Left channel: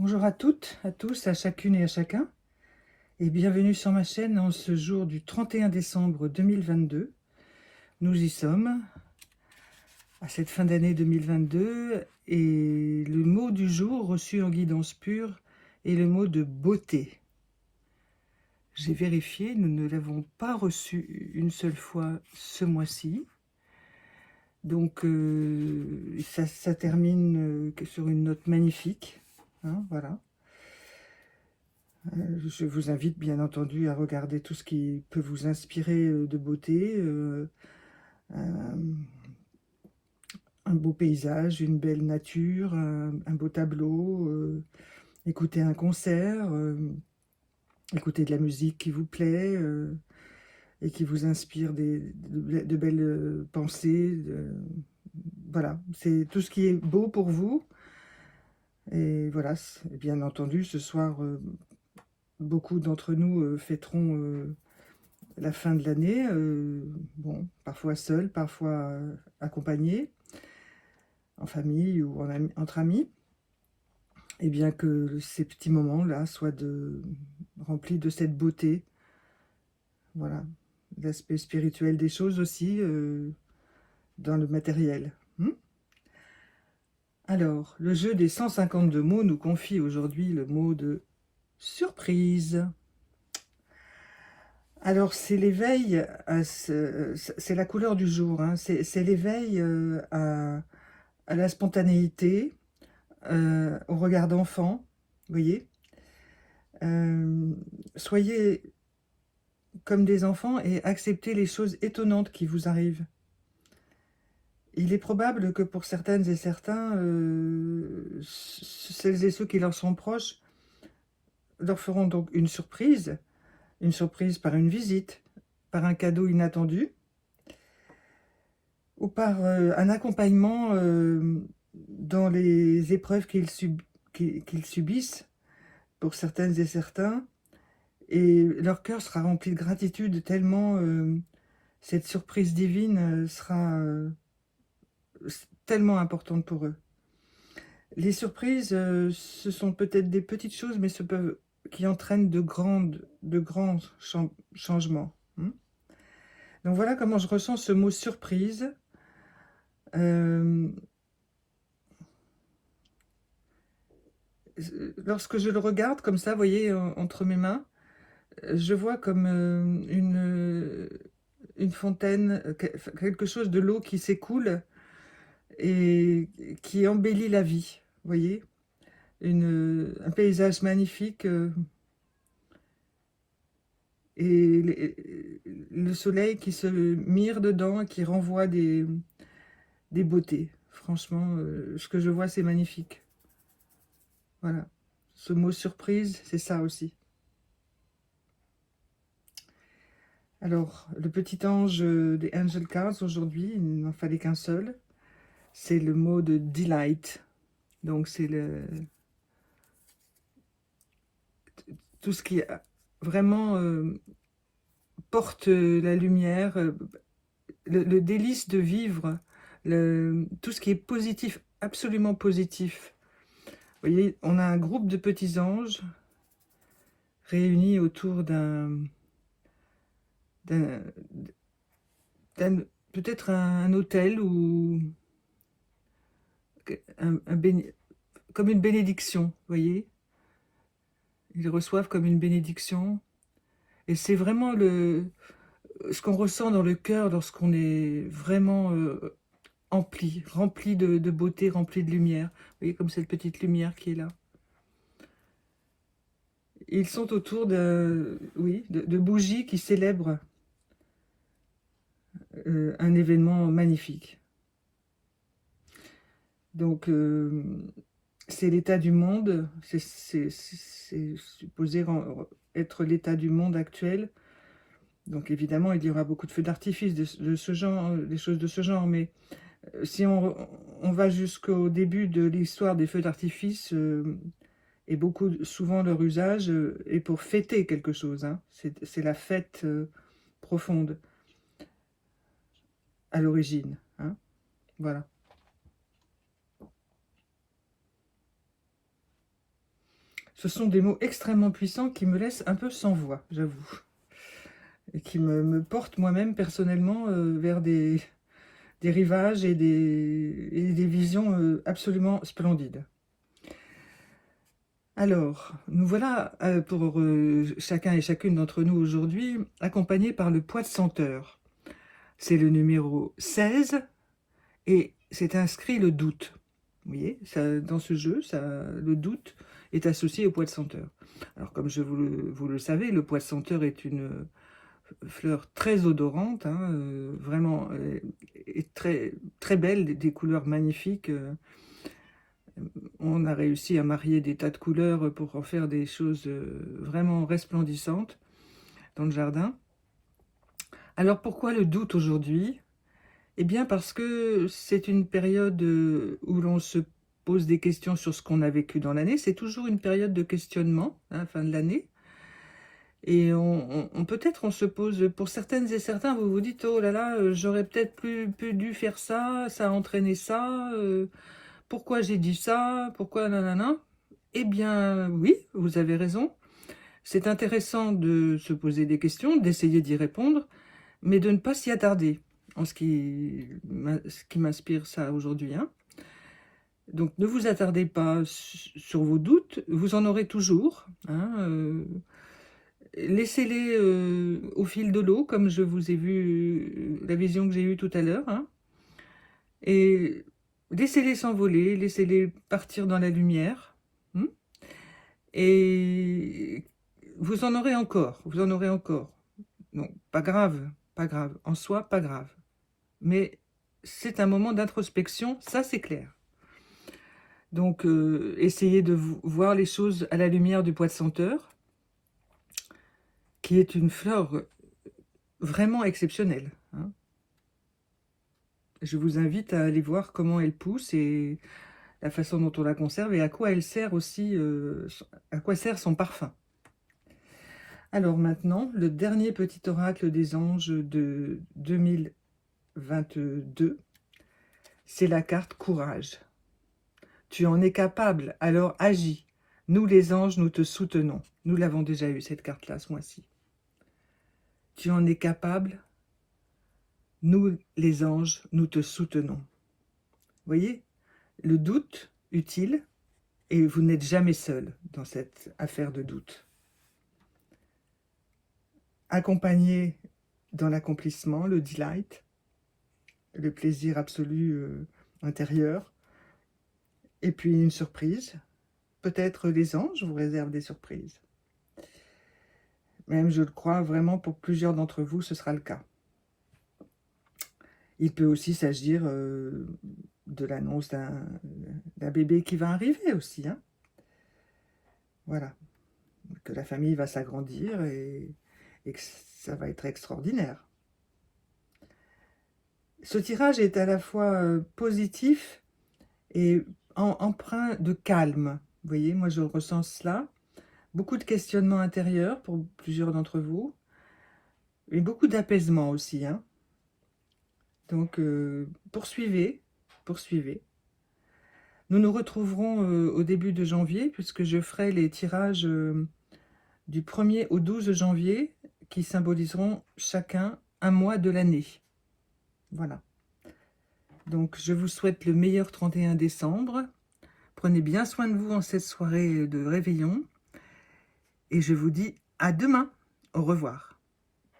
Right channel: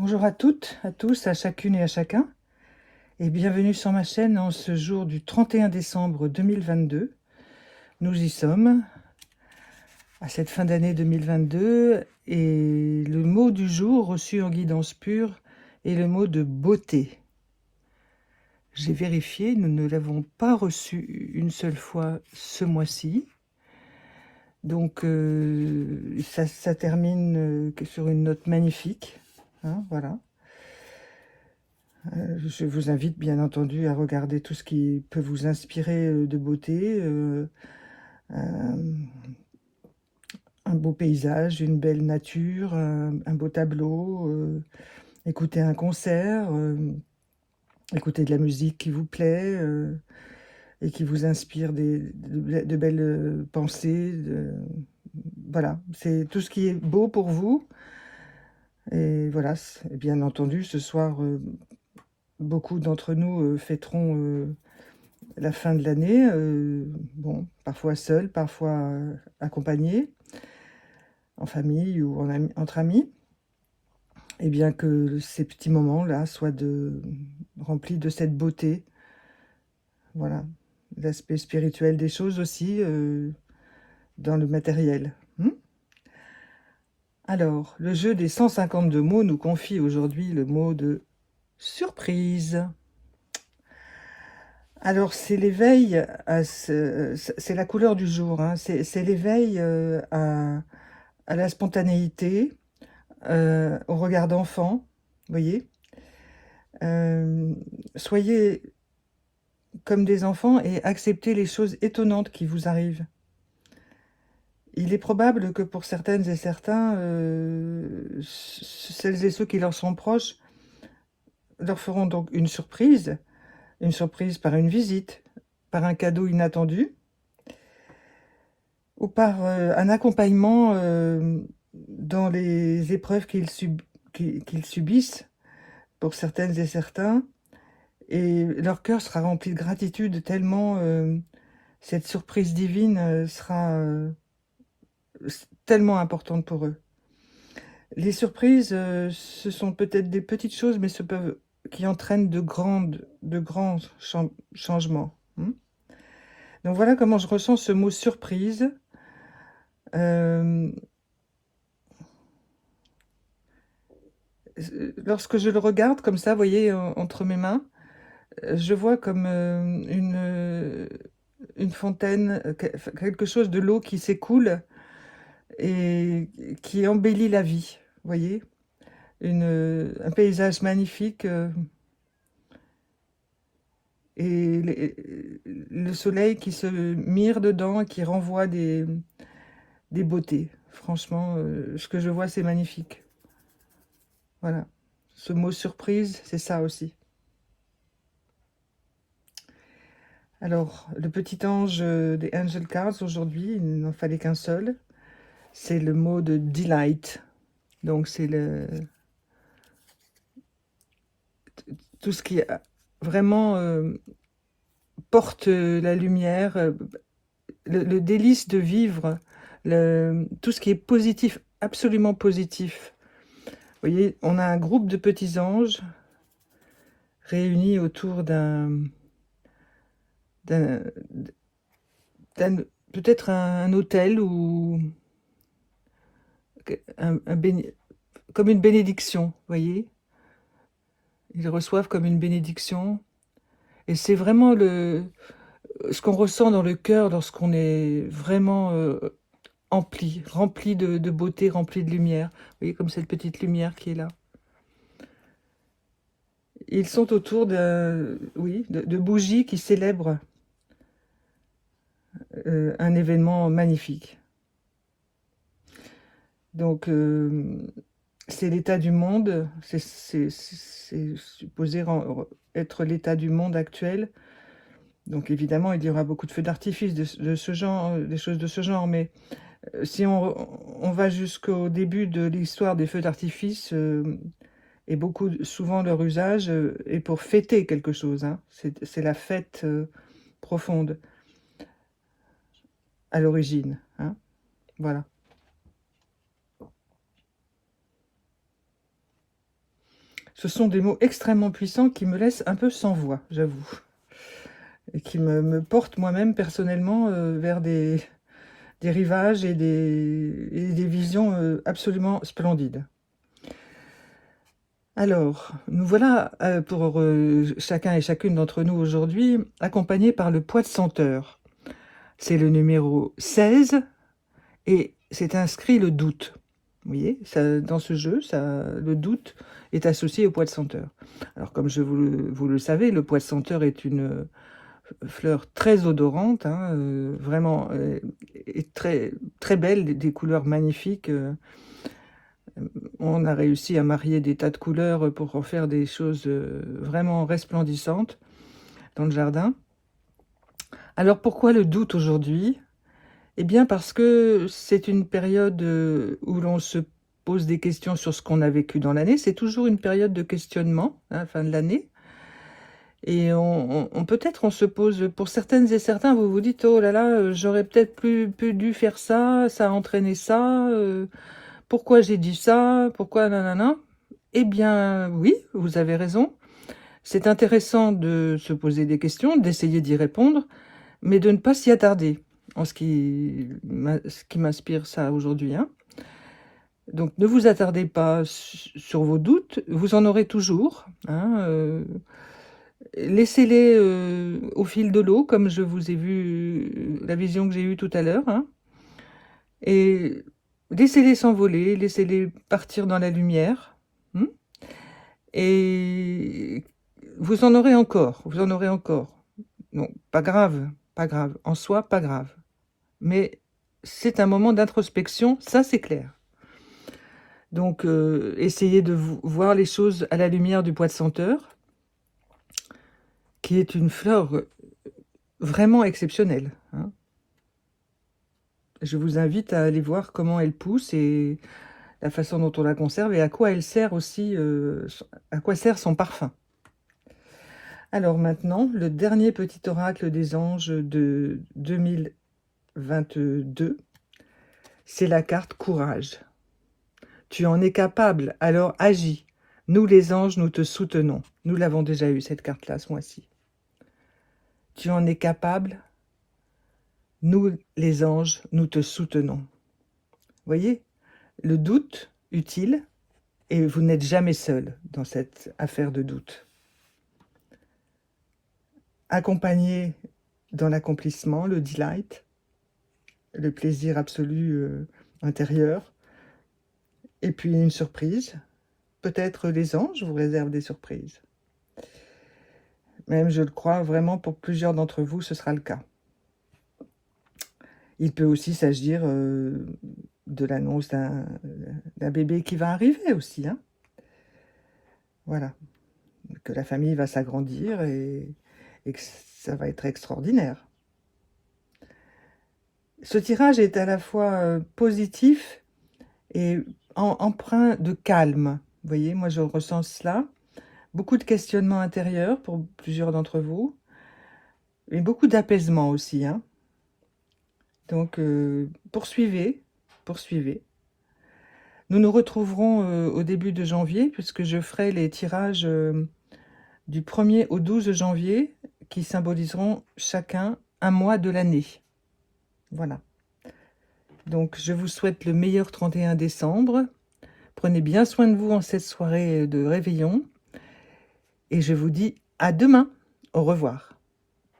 Bonjour à toutes, à tous, à chacune et à chacun, et bienvenue sur ma chaîne en ce jour du 31 décembre 2022. Nous y sommes, à cette fin d'année 2022, et le mot du jour reçu en guidance pure est le mot de beauté. J'ai vérifié, nous ne l'avons pas reçu une seule fois ce mois-ci. Donc ça termine sur une note magnifique, hein, voilà. Je vous invite bien entendu à regarder tout ce qui peut vous inspirer de beauté, un beau paysage, une belle nature, un beau tableau, écouter un concert, écouter de la musique qui vous plaît et qui vous inspire de belles pensées. Voilà, c'est tout ce qui est beau pour vous. Et voilà, bien entendu, ce soir, beaucoup d'entre nous fêteront la fin de l'année, bon, parfois seul, parfois accompagné, en famille ou entre amis, et bien que ces petits moments-là soient remplis de cette beauté, voilà, l'aspect spirituel des choses aussi, dans le matériel. Alors, le jeu des 152 mots nous confie aujourd'hui le mot de surprise. Alors, c'est l'éveil, c'est la couleur du jour, hein, c'est l'éveil à la spontanéité, au regard d'enfant, vous voyez. Euh, Soyez comme des enfants et acceptez les choses étonnantes qui vous arrivent. Il est probable que pour certaines et certains, celles et ceux qui leur sont proches leur feront donc une surprise par une visite, par un cadeau inattendu, ou par un accompagnement dans les épreuves qu'ils subissent, pour certaines et certains, et leur cœur sera rempli de gratitude tellement cette surprise divine sera tellement importante pour eux. Les surprises, ce sont peut-être des petites choses, mais qui entraînent de grands changements. Donc voilà comment je ressens ce mot surprise. Euh, Lorsque je le regarde comme ça, vous voyez, entre mes mains, je vois comme une fontaine, quelque chose de l'eau qui s'écoule et qui embellit la vie, vous voyez, un paysage magnifique et le soleil qui se mire dedans et qui renvoie des beautés. Franchement, ce que je vois, c'est magnifique. Voilà. Ce mot surprise, c'est ça aussi. Alors, le petit ange des Angel Cards aujourd'hui, il n'en fallait qu'un seul. C'est le mot de delight. Donc, c'est tout ce qui vraiment porte la lumière, le délice de vivre, tout ce qui est positif, absolument positif. Vous voyez, on a un groupe de petits anges réunis autour d'un, peut-être un hôtel ou un comme une bénédiction, vous voyez. Ils reçoivent comme une bénédiction. Et c'est vraiment ce qu'on ressent dans le cœur lorsqu'on est vraiment rempli de beauté, rempli de lumière. Vous voyez, comme cette petite lumière qui est là. Ils sont autour oui, de bougies qui célèbrent un événement magnifique. Donc, c'est l'état du monde, c'est supposé être l'état du monde actuel. Donc, évidemment, il y aura beaucoup de feux d'artifice de ce genre, des choses de ce genre, mais si on va jusqu'au début de l'histoire des feux d'artifice, et souvent leur usage est pour fêter quelque chose, hein. C'est la fête profonde à l'origine, hein. Voilà. Ce sont des mots extrêmement puissants qui me laissent un peu sans voix, j'avoue. Et qui me portent moi-même personnellement vers des rivages et des visions absolument splendides. Alors, nous voilà pour chacun et chacune d'entre nous aujourd'hui, accompagnés par le poids de senteur. C'est le numéro 16 et c'est inscrit le doute. Vous voyez, dans ce jeu, le doute est associé au poids de senteur. Alors, comme vous le savez, le poids de senteur est une fleur très odorante, hein, vraiment et très, très belle, des couleurs magnifiques. On a réussi à marier des tas de couleurs pour en faire des choses vraiment resplendissantes dans le jardin. Alors pourquoi le doute aujourd'hui? Eh bien parce que c'est une période où l'on se pose des questions sur ce qu'on a vécu dans l'année. C'est toujours une période de questionnement à la fin de l'année. Et peut-être on se pose, pour certaines et certains, vous vous dites, oh là là, j'aurais peut-être plus dû faire ça, ça a entraîné ça, pourquoi j'ai dit ça, pourquoi nanana. Eh bien oui, vous avez raison. C'est intéressant de se poser des questions, d'essayer d'y répondre, mais de ne pas s'y attarder, en ce qui m'inspire ça aujourd'hui, hein. Donc ne vous attardez pas sur vos doutes, vous en aurez toujours, hein, laissez-les au fil de l'eau, comme je vous ai vu, la vision que j'ai eue tout à l'heure, hein, et laissez-les s'envoler, laissez-les partir dans la lumière, et vous en aurez encore, vous en aurez encore. Non, pas grave, pas grave, en soi, pas grave. Mais c'est un moment d'introspection, ça c'est clair. Donc, essayez de voir les choses à la lumière du pois de senteur, qui est une fleur vraiment exceptionnelle, hein. Je vous invite à aller voir comment elle pousse et la façon dont on la conserve et à quoi elle sert aussi, à quoi sert son parfum. Alors maintenant, le dernier petit oracle des anges de 2022, c'est la carte Courage. Tu en es capable, alors agis. Nous les anges, nous te soutenons. Nous l'avons déjà eu cette carte-là ce mois-ci. Tu en es capable, nous les anges, nous te soutenons. Voyez, le doute utile, et vous n'êtes jamais seul dans cette affaire de doute. Accompagné dans l'accomplissement, le delight, le plaisir absolu intérieur, et puis une surprise. Peut-être les anges vous réservent des surprises. Même, je le crois vraiment, pour plusieurs d'entre vous, ce sera le cas. Il peut aussi s'agir de l'annonce d'un bébé qui va arriver aussi, hein. Voilà, que la famille va s'agrandir et que ça va être extraordinaire. Ce tirage est à la fois positif et empreint de calme. Vous voyez, moi je ressens cela. Beaucoup de questionnements intérieurs pour plusieurs d'entre vous. Et beaucoup d'apaisement aussi, hein. Donc, poursuivez, poursuivez. Nous nous retrouverons au début de janvier, puisque je ferai les tirages du 1er au 12 janvier, qui symboliseront chacun un mois de l'année. Voilà. Donc, je vous souhaite le meilleur 31 décembre. Prenez bien soin de vous en cette soirée de réveillon. Et je vous dis à demain. Au revoir.